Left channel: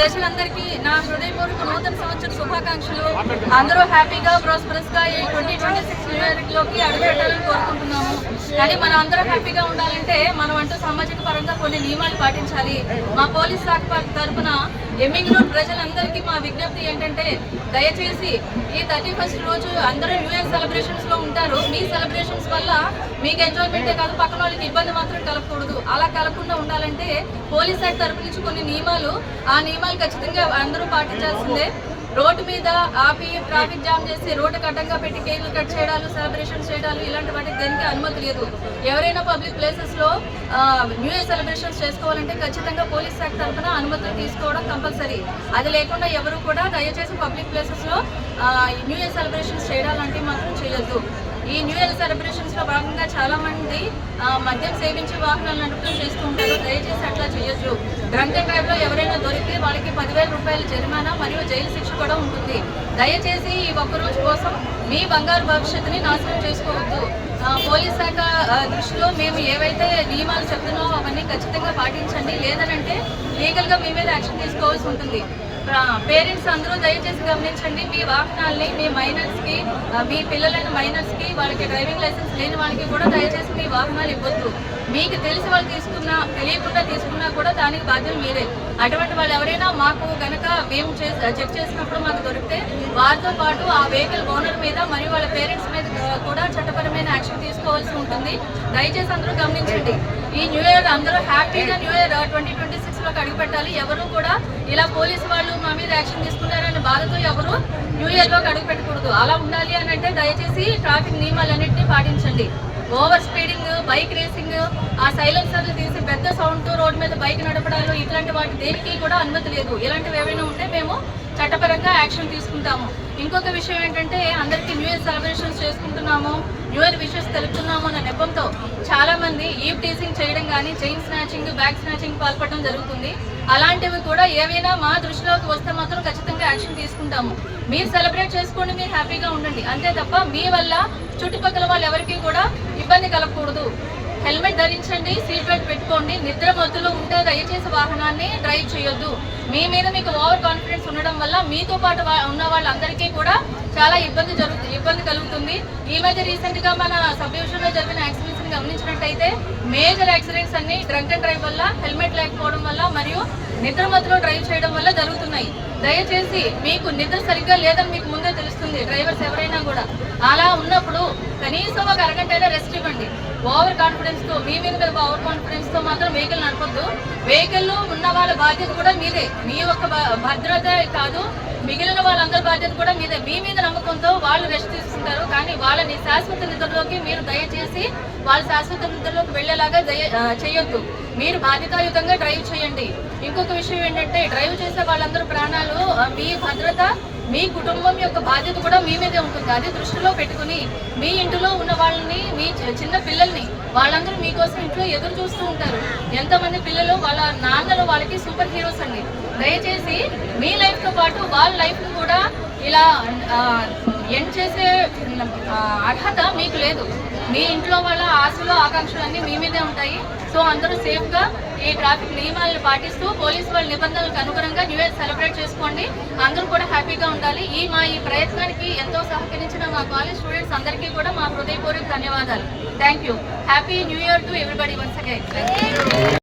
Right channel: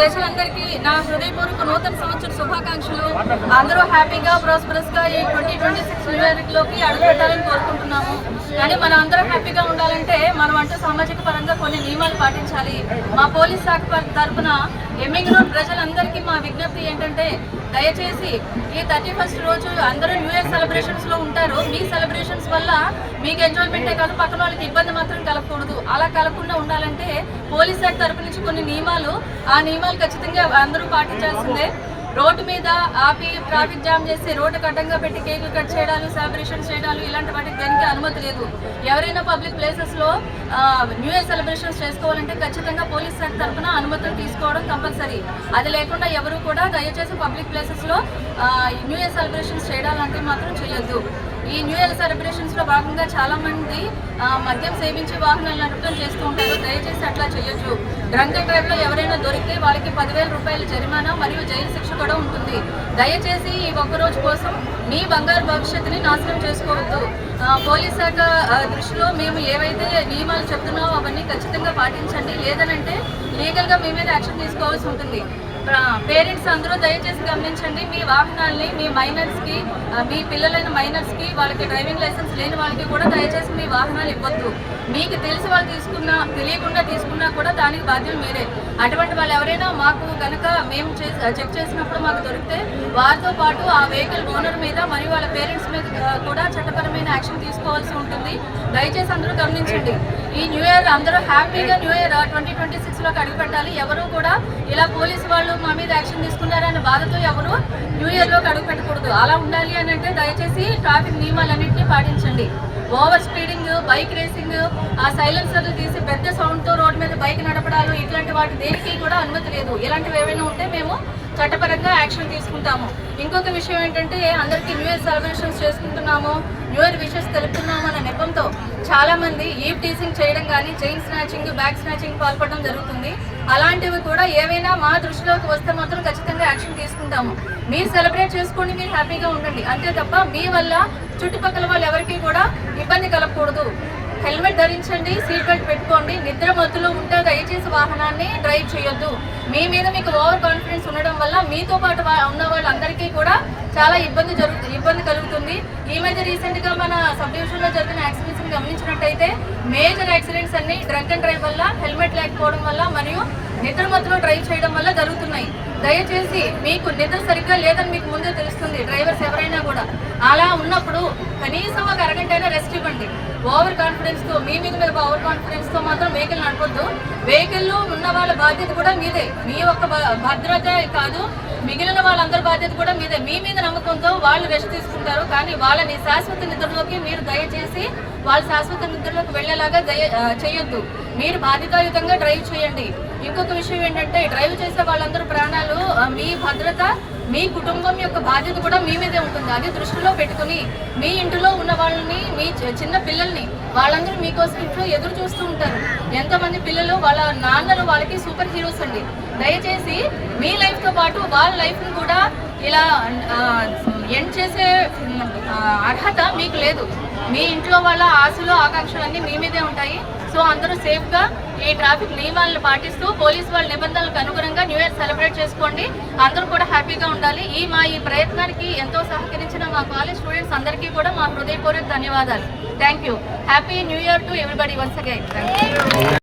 ప్రజలందరికీ నా హృదయపూర్వక నూతన సంవత్సర శుభాకాంక్షలు. అందరూ హ్యాపీగా ప్రాస్పరస్గా ఈ 2026 న్యూ ఇయర్లోకి అడుగుపెట్టాలని కోరుకుంటున్నాము. కానీ మనం అందరూ హ్యాపీగా ఉండాలంటే మనం అంటూ సామాజిక పరంగా కొన్ని నియమాలు పాటించాలి. మా పోలీస్ శాఖ తరఫున ఎమ్మిగనూరు ప్రజలందరికీ మా విజ్ఞప్తి ఏంటంటే, దయచేసి ఈ 31st రోజు అందరూ న్యూ ఇయర్ సెలబ్రేషన్స్లో ఉంటారు. మీ సెలబ్రేషన్స్ వల్ల మీకు ఎంజాయ్మెంటే కాదు, పక్కన వాళ్ళకి ఇబ్బంది మాత్రం కలగకూడదు. అలా కలగకుండా ఉండాలంటే పోలీస్ శాఖ తరపు నుంచి కొన్ని నియమాలు, ఆ నియమాలు ఖచ్చితంగా అందరూ పాటించాల్సిందే. రోడ్డు మీద ఆపి ట్రాఫిక్ జామ్ చేసి రోడ్డుకు అడ్డంగా పెట్టి కేకులు కట్ చేయడాలు, సెలబ్రేషన్స్ చేయడాలు ఇలాంటి వాటికి దేనికి అనుమతి లేదు. ఎవరైనా పబ్లిక్ ప్లేసెస్లో న్యూ ఇయర్ సెలబ్రేషన్స్ చేసుకోవాలంటే ఖచ్చితంగా పోలీస్ శాఖ తరఫున అనుమతులు తీసుకోవడం కంపల్సరీ. అది లేకుండా ఎవరు కూడా దయచేసి పబ్లిక్ ప్లేసెస్లో న్యూ ఇయర్ సెలబ్రేషన్స్ చేయడాలంటే మాత్రం చేయొద్దు. ఈ న్యూ ఇయర్ సెలబ్రేషన్స్లో భాగంగా చాలామంది మద్యం సేవించి వాహనాలు నడపడం చేస్తూ ఉంటారు. దయచేసి అట్లా చేయొచ్చు. డ్రంక్ అండ్ డ్రైవ్లో ఎవరైనా దొరికితే వాళ్ళకి 10,000 రూపాయల జరిమానా మరియు జైలు శిక్ష కూడా ఉంటుంది. దయచేసి ఈ ఒక్కరోజు కోసం మీ బంగారు భవిష్యత్తుని నాశనం చేసుకోవద్దు. పోలీస్ శాఖ దృష్టిలో మేము ఏవైతే నియమాలు చెప్తున్నామో అవన్నీ ఖచ్చితంగా పాటించండి. లేదనంటే లీగల్గా మీ మీద యాక్షన్ తీసుకోవాల్సి ఉంటుంది. పేరెంట్స్ అందరూ దయచేసి గమనించండి. మీ వాహనాల్ని మీ మైనర్స్కి, మీ పిల్లలైన మైనర్స్కి, వాళ్ళకి డ్రైవింగ్ లైసెన్స్ లేని వాళ్ళకి కూడా దయచేసి మీ వాహనాలు ఇవ్వద్దు. మీకు తెలిసి వాళ్ళు తీసుకున్నా, తెలియకుండా తీసుకున్నా కూడా దానికి బాధ్యులు మీరే. అటువంటి వాళ్ళు ఎవరైనా మాకు కనుక మేము చెక్ చేసినప్పుడు మాకు దొరికితే వారితో పాటు ఆ వెహికల్ ఓనర్ మీద మరియు వాళ్ళ పేరెంట్స్ మీద కూడా చట్టపరమైన యాక్షన్ తీసుకోవాల్సి ఉంటుంది. దయచేసి అందరూ గమనించండి. ఈ న్యూ ఇయర్ అందరూ హ్యాపీగా న్యూ ఇయర్ 2026లోకి అడుగుపెట్టాలి. ఎవరు కూడా ఇలా పోలీసు వాళ్ళు మా మీద యాక్షన్ తీసుకున్నారన్న బాధతో ఎవరు న్యూ ఇయర్లోకి అడుగు పెట్టకూడదు. అలా ఉండాలి అని అంటే దయచేసి ట్రాఫిక్ నియమాలన్నింటినీ పాటించండి. ఓవర్ స్పీడింగ్, బైక్ రేసింగ్, ఆ సైలెన్సర్లు తీసి పెద్ద సౌండ్తో రోడ్డు మీద బైక్ నడపడాలు ఇట్లాంటి వాటి దేనికి కూడా అనుమతి లేదు. ఇలాంటివి ఏమైనా ఉంటే మేము చట్టపరంగా యాక్షన్ తీసుకుంటాము. ఇంకొక విషయం ఏంటంటే, అందరికీ న్యూ ఇయర్ సెలబ్రేషన్స్ చేసుకుంటున్నాము, న్యూ ఇయర్ విషెస్ తెలుపుతున్నాము అన్న నెపంతో చాలామంది ఈవ్ టీసింగ్ చేయడం కానీ, చైన్ స్నాచింగ్, బ్యాగ్ స్నాచింగ్ పాల్పడడం జరుగుతుంది. అలాంటివి కూడా ఏవైనా మా దృష్టిలోకి వస్తే మాత్రం ఖచ్చితంగా యాక్షన్ తీసుకుంటాము. మీరు సెలబ్రేట్ చేసుకోండి, మీరు హ్యాపీగా ఉండండి, అంతే తప్ప మీ వల్ల చుట్టుపక్కల వాళ్ళు ఎవరికి కూడా ఇబ్బంది కలగకూడదు. హెల్మెట్ ధరించండి, సీట్ బెల్ట్ పెట్టుకోండి. నిద్ర మత్తులో ఉంటే దయచేసి వాహనాన్ని డ్రైవ్ చేయొద్దు. మీ మీద మీకు ఓవర్ కాన్ఫిడెన్స్ ఉండడం వల్ల మీతో పాటు ఉన్న వాళ్ళందరికీ కూడా చాలా ఇబ్బంది కలుగుతుంది. ఈ మధ్య రీసెంట్గా మన సబ్ డివిజన్లో జరిగిన యాక్సిడెంట్స్ని గమనించినట్టయితే మేజర్ యాక్సిడెంట్స్ అన్ని డ్రంక్ అండ్ డ్రైవ్ వల్ల, హెల్మెట్ లేకపోవడం వల్ల మరియు నిద్ర మత్తులో డ్రైవ్ చేయడం వల్ల జరుగుతున్నాయి. దయచేసి మీకు నిద్ర సరిగ్గా లేదని మీకు ముందే తెలుస్తుంది, డ్రైవర్స్ ఎవరైనా కూడా. అలా ఉన్నప్పుడు కనీసం ఒక అరగంట రెస్ట్ ఇవ్వండి. ఓవర్ కాన్ఫిడెన్స్తో, మీ మీద ఓవర్ కాన్ఫిడెన్స్తో మాత్రం వెహికల్ నడపొద్దు. వెహికల్లో ఉన్న వాళ్ళ బాధ్యత కూడా మీదే. మీ యొక్క భద్రత కాదు, మిగిలిన వాళ్ళందరి బాధ్యత కూడా మీదే. మీ మీద నమ్మకంతో వాళ్ళు రెస్ట్ తీసుకుంటారు, కానీ వాళ్ళని శాశ్వత నిద్రలోకి మీరు దయచేసి వాళ్ళ శాశ్వత నిద్రలోకి వెళ్లేలాగా చేయొద్దు. మీరు బాధ్యతాయుతంగా డ్రైవ్ చేయండి. ఇంకొక విషయం ఏంటంటే, డ్రైవ్ చేసే వాళ్ళందరూ ప్రాణాలు, మీ భద్రత, మీ కుటుంబం యొక్క బాధ్యత కూడా మీ మీదే ఉంటుంది. అది దృష్టిలో పెట్టుకుని మీ ఇంటిలో ఉన్న వాళ్ళని, మీ చిన్న పిల్లల్ని, వాళ్ళందరూ మీకోసం ఇంట్లో ఎదురు చూస్తూ ఉంటారు. ఎంతమంది పిల్లలు వాళ్ళ నాన్నలు వాళ్ళకి సూపర్ హీరోస్ అండి. దయచేసి మీ లైఫ్తో పాటు వాళ్ళ లైఫ్ను కూడా ఇలా ఎండ్ చేసే అర్హత మీకు లేదు. మీ ఇంట్లో వాళ్ళ ఆశలు, ఆకాంక్షలన్నీ మీ మీదే ఉంటాయి. సో అందరూ సేఫ్గా ఈ ట్రాఫిక్ నియమాలను పాటిస్తూ పోలీసు వాళ్ళ నిబంధనలకు అనుగుణంగా న్యూ ఇయర్ సెలబ్రేట్ చేసుకోండి. అందరూ కూడా హ్యాపీగా ఉండాలి. ఈ ప్రయత్నానికి ఎంతో సహకరించిన మా కాలేజ్ స్టూడెంట్స్ అందరికీ కూడా మా హృదయపూర్వక ధన్యవాదాలు. Thank you. Happy new year to everybody once again.